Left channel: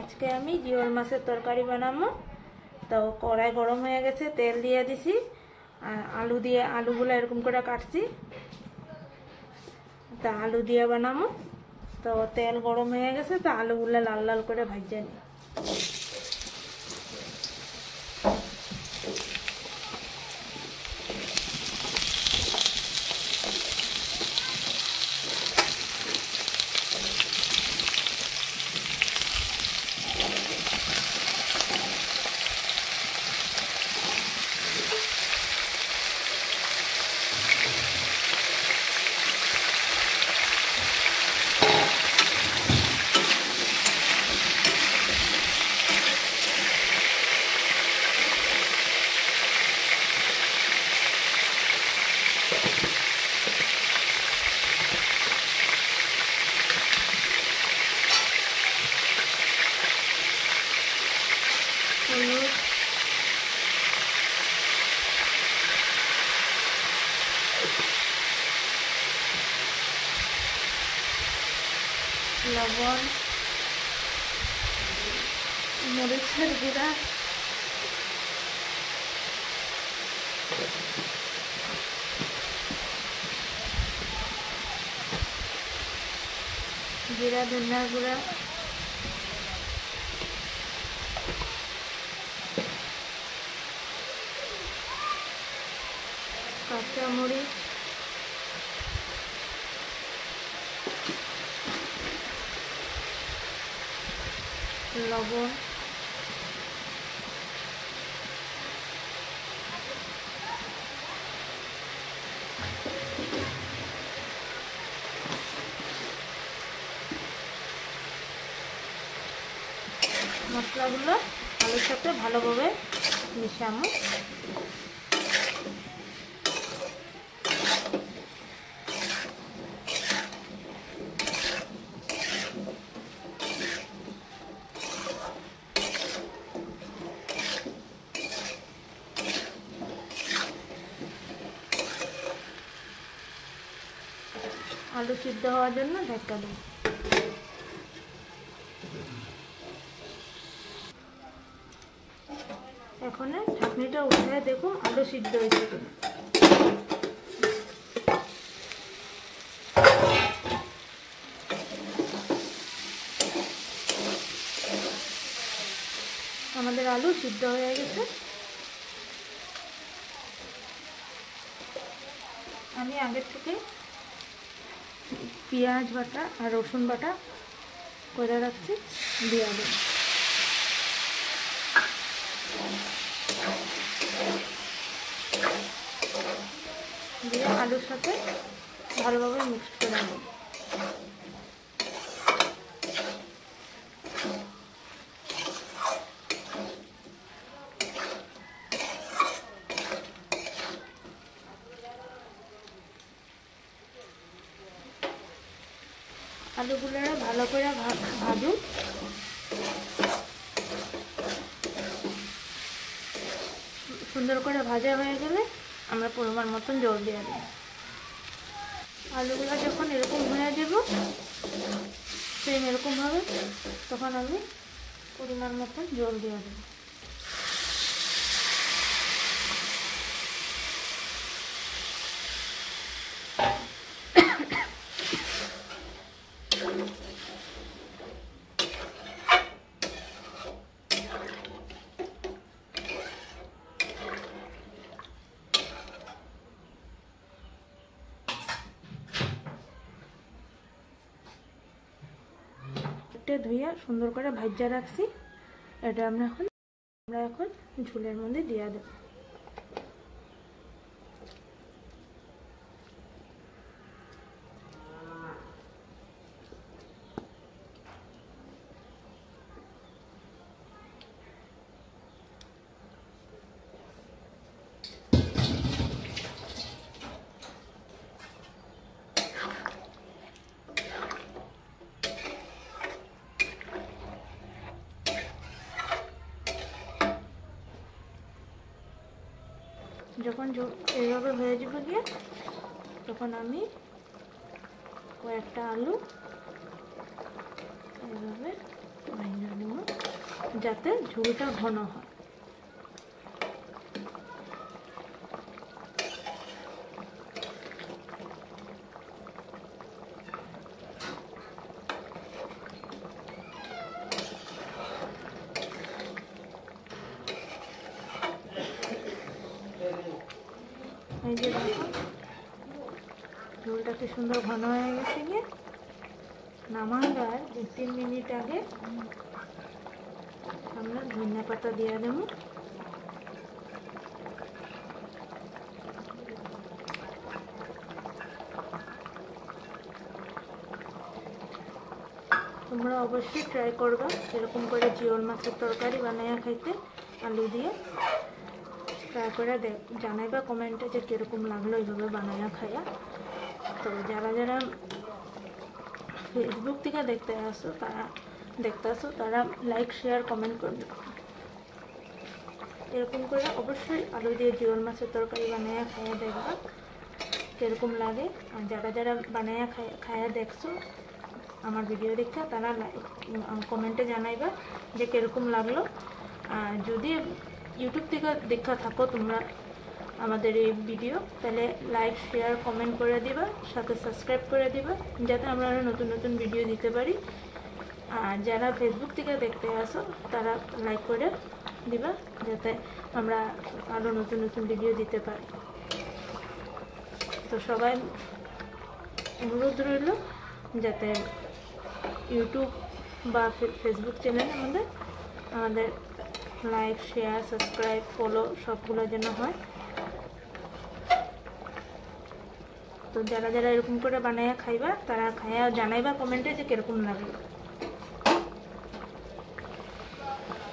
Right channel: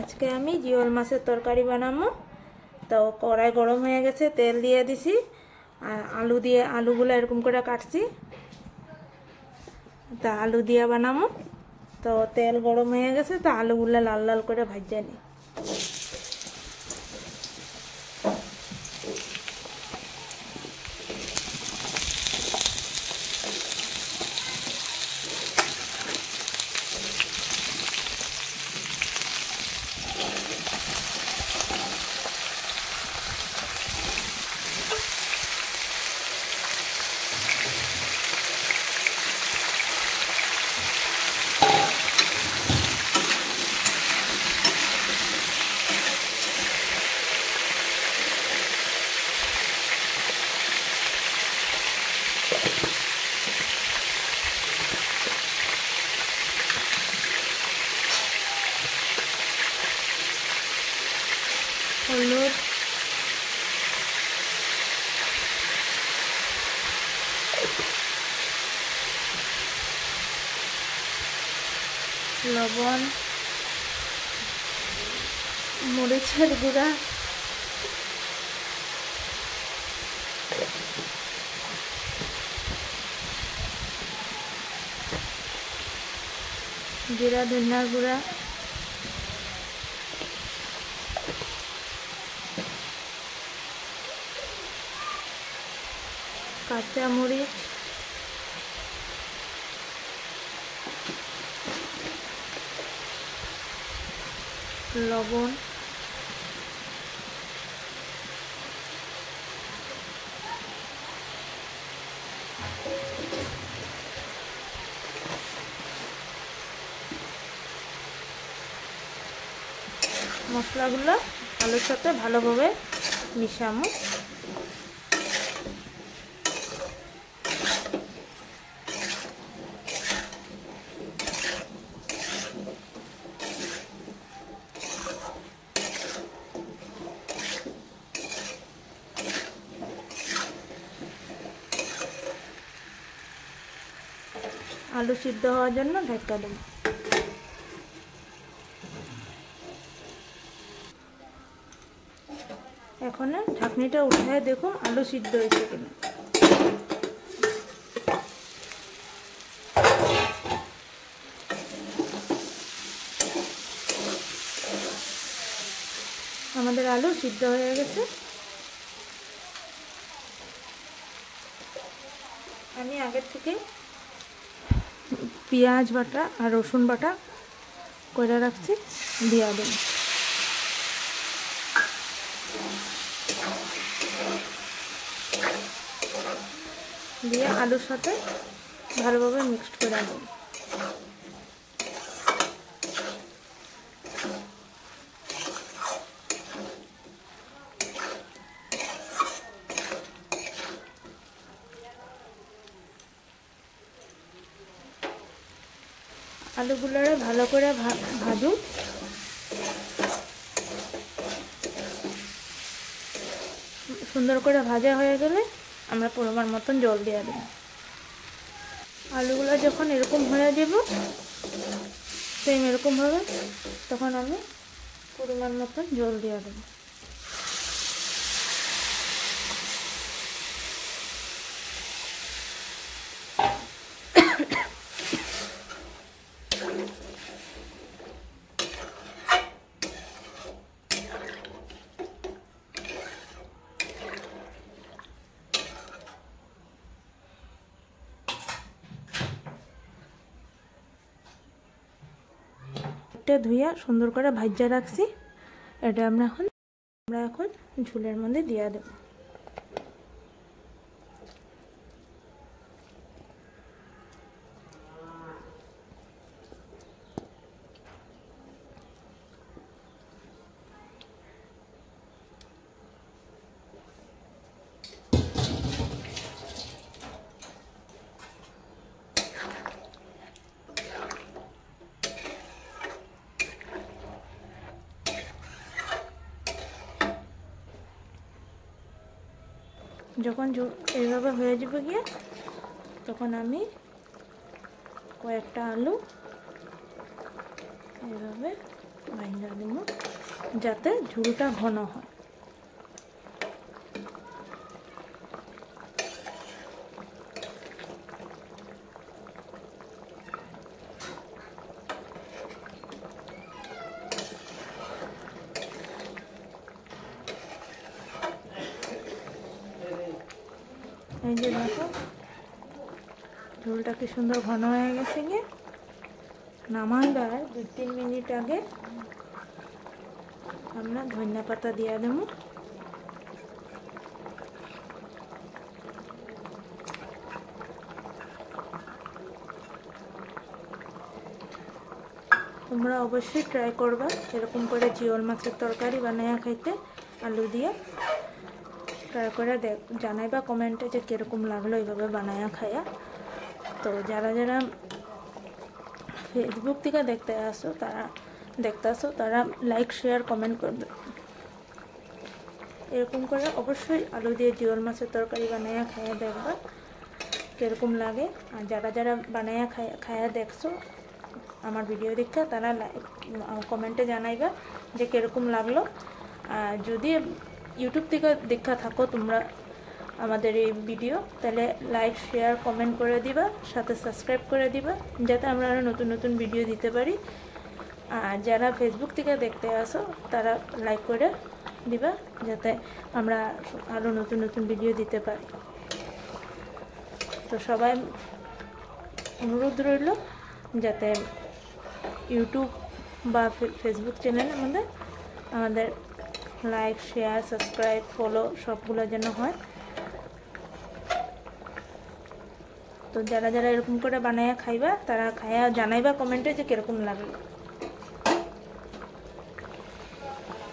আজকে আমি জিওল মাছের তরকারি বানাবো। তো কড়াই গরম হয়ে গেছে, তেল দিয়ে দিছি আর আলুগুলো এরকম করে কাটছি। তা আলু দিয়ে বানাবো। তো তেল গরম হয়ে গেছে, তো আলুগুলো লাল লাল করে ভাজে নিই। হলুদ, লবণ, মরিচের গুঁড়া, জিরা ধনিয়া গুঁড়া, কাঁচা মরিচ, লবণ, মশলাগুলো আলুর সাথে ভালোভাবে মিশাবো। আলু সিদ্ধ হওয়ার জন্য ঢাকা দিই। এখন ঢাকনিটা উঠায় দেখুন আলু সিদ্ধ হয়েছে কিনা। আমাদের আলু সিদ্ধ হয়ে গেছে। আমি আগের থেকে পেঁয়াজ বাটা আর রসুন বাটা করে রাখছি, দিয়ে দেব। দিয়ে আলুর সাথে ভালোভাবে মিক্সড করে নেব। আলুগুলোরে ভালো করে ভাজুন। সুন্দর করে ভাজা হয়ে গেলে আমরা পরিমাণ মতন জল দিয়ে দেব। আলুগুলো যখন এরকম হয়ে যাব, সেম এরকম হবে, তখন আমি পরিমাণ মতন জল দিয়ে দেব। ধুইয়া সুন্দর করে ভাজা রাখছি। এটা আমরা এখন ঝোলের মধ্যে দিয়ে দেব। যখন এইভাবে হয়ে যাবে গিয়ে, তখন আমি কয়েকটা আলু এইভাবে ভাঙা দেব। যাতে ঝোলটা ঘন হয়। এই যে দেখো ঝোলটা কি সুন্দর ঘন হয়ে গেছে। গিয়ে নামাইবার 2-3 মিনিট আগে আমরা ধনিয়া পাতা দিয়ে দেব। তোমরা অবশ্যই ট্রাই করবা এরকম করে জিওল মাছের তরকারি বানাইয়া খাইতে আলু দিয়ে। ট্রাই করে জানাইবা কমেন্টে যে কীরকম লাগলো এইভাবে বানাইয়া খাইয়া। তো যারা যারা ফেসবুক থেকে দেখতে আসো তারা লাইক শেয়ার কমেন্ট করবে। এরকম করে অবশ্যই আলু দিয়ে জিওল মাছের তরকারি বানাইয়া খাইয়া দেখবা কীরকম লাগে। আর যারা যারা বানাইয়া খাইয়া দেখছো আমার ভিডিও দেখতে তারা কমেন্টে জানাইবা যে কীরকম লাগলো। আর যদি ইউটিউব থেকে দেখা থাকো তোমরা আমাদের এই ভিডিও, তাহলে লাইক শেয়ার কমেন্ট করে দিবা, সাথে সাবস্ক্রাইব করে দিবা যাতে আমরা আরও নতুন নতুন ভিডিও দিতে পারি। আর যারা ফেসবুক থেকে দেখতে আসো তারা লাইক করে দিবা যাতে আমরা আরও নতুন নতুন ভিডিও দিতে পারি। তো সবাই অনুরোধ রইল যাতে ইউটিউব বা ফেসবুক চ্যানেলের মধ্যে আমাদের লাইক শেয়ার সাবস্ক্রাইব ফলো সবগুলো যেন হয়। তো যারা যারা এরকম করে বানাইয়া খাইবা তারা খাইয়া জানাইবা কমেন্টে যে কীরকম লাগলো।